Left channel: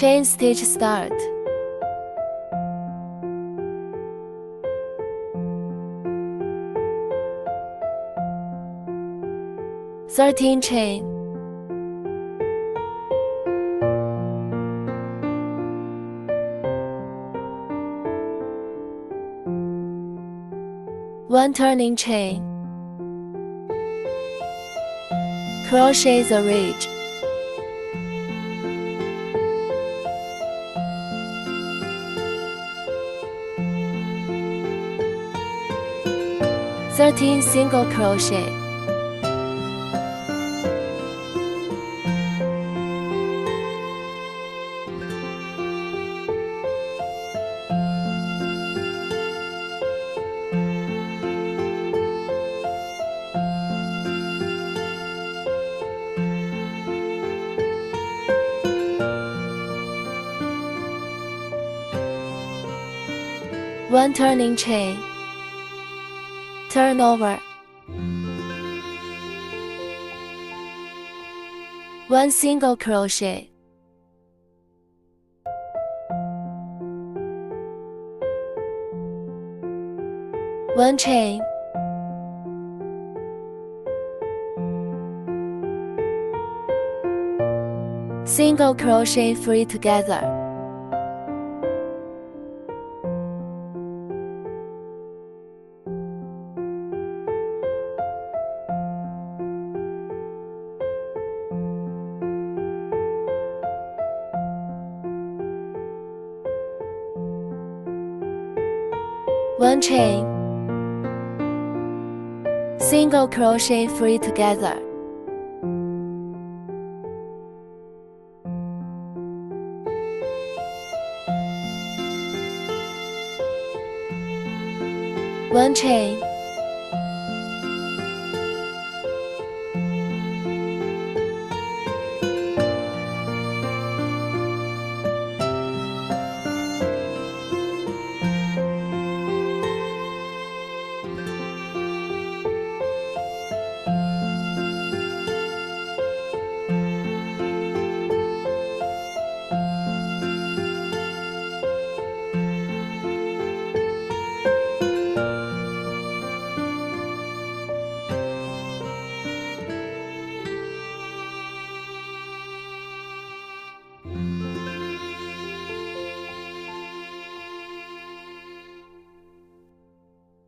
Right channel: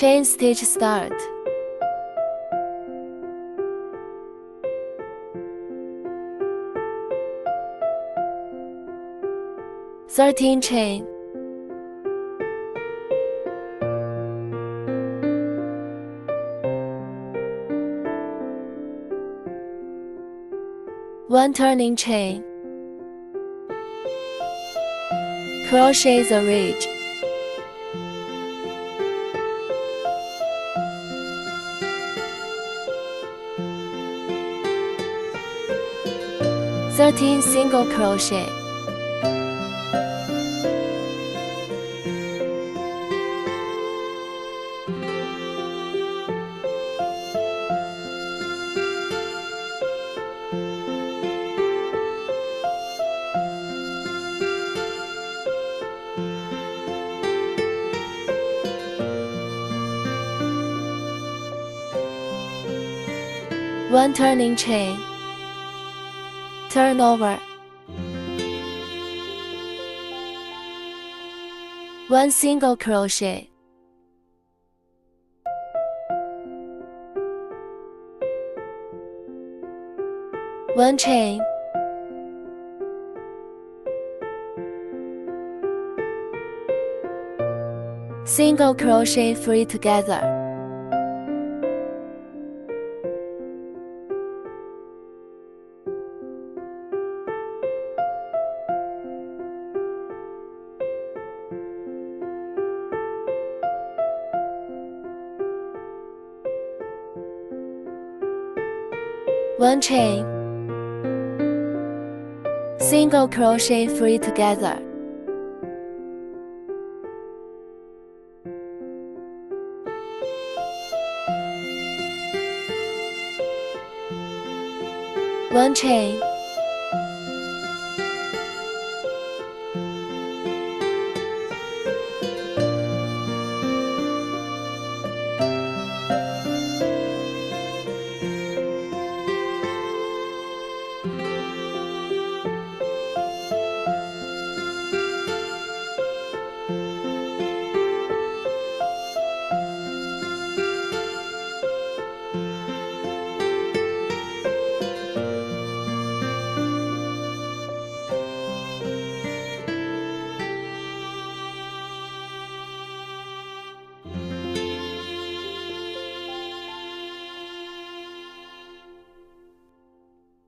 Chain stitch start. 13 chain. 1 turning chain. Crochet the ridge. Thirteen single crochet. One turning chain. Turn over. 1 single crochet. One chain. Single crochet 3 together. One chain. Single crochet 3 together. One chain.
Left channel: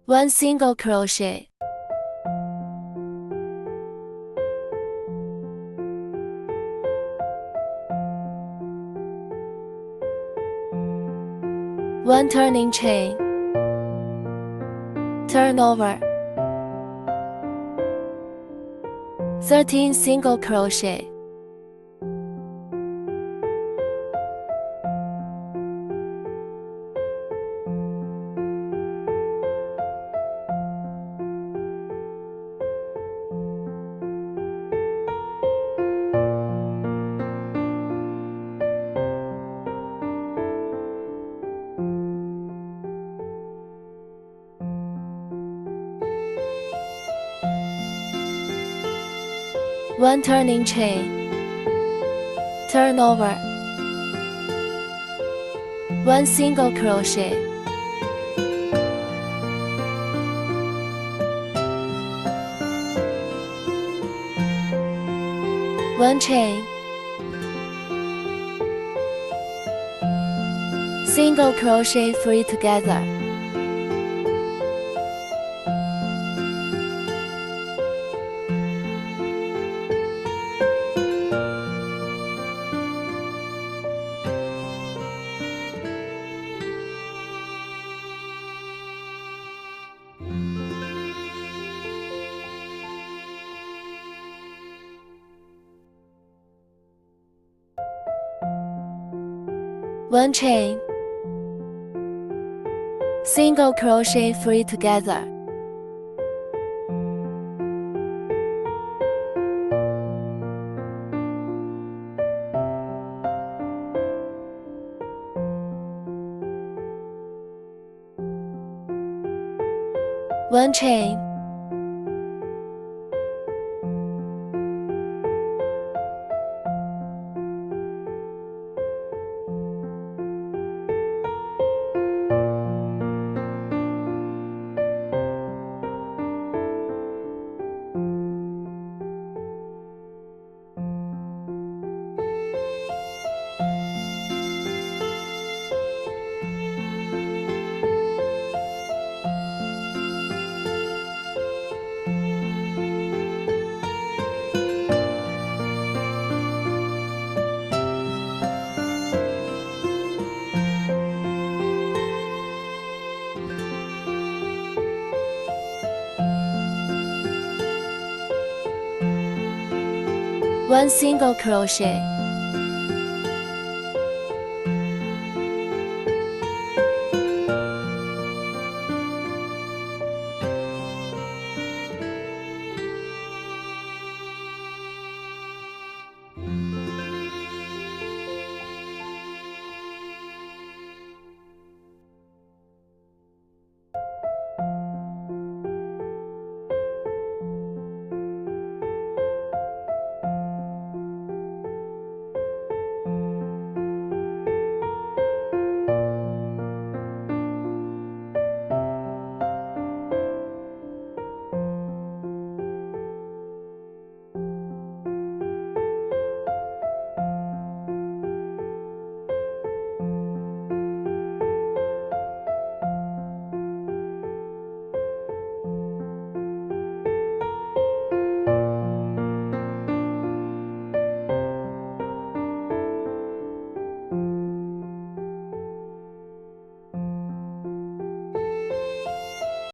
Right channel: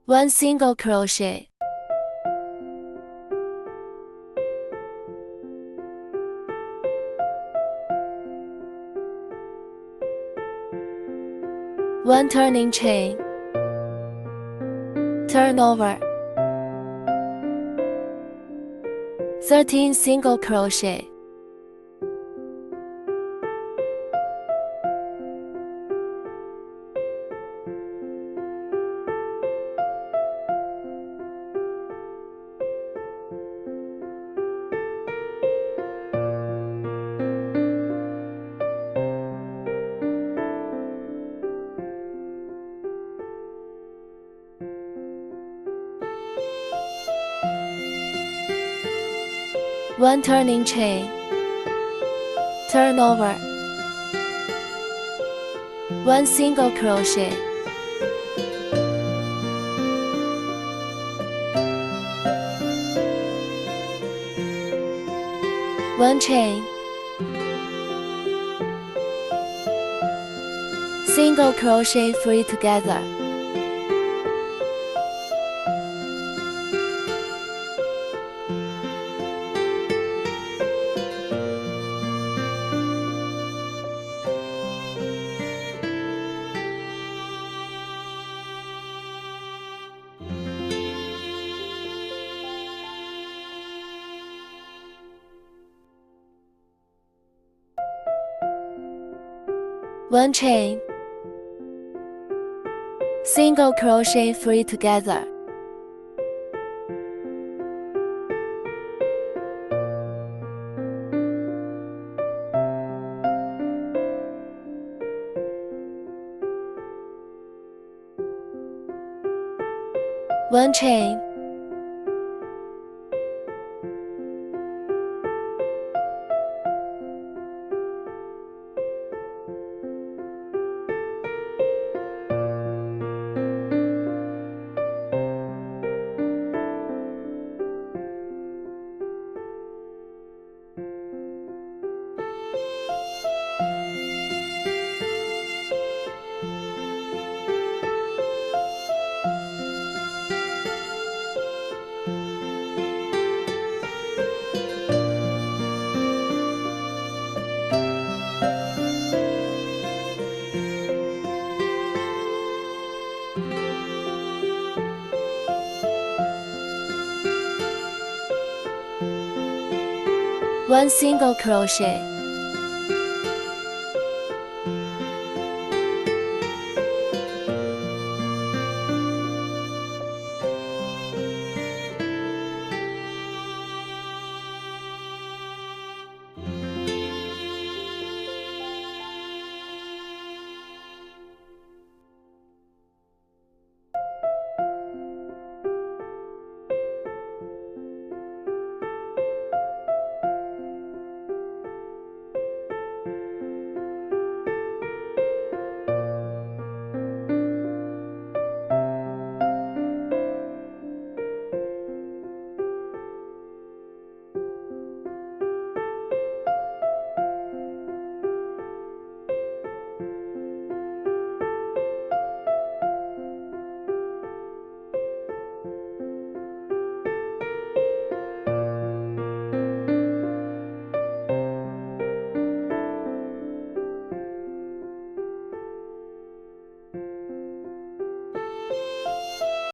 One single crochet. One turning chain. Turn over. 13 single crochet. One turning chain. Turn over. 1 single crochet. One chain. Single crochet 3 together. One chain. Single crochet 3 together. One chain. 1 single crochet,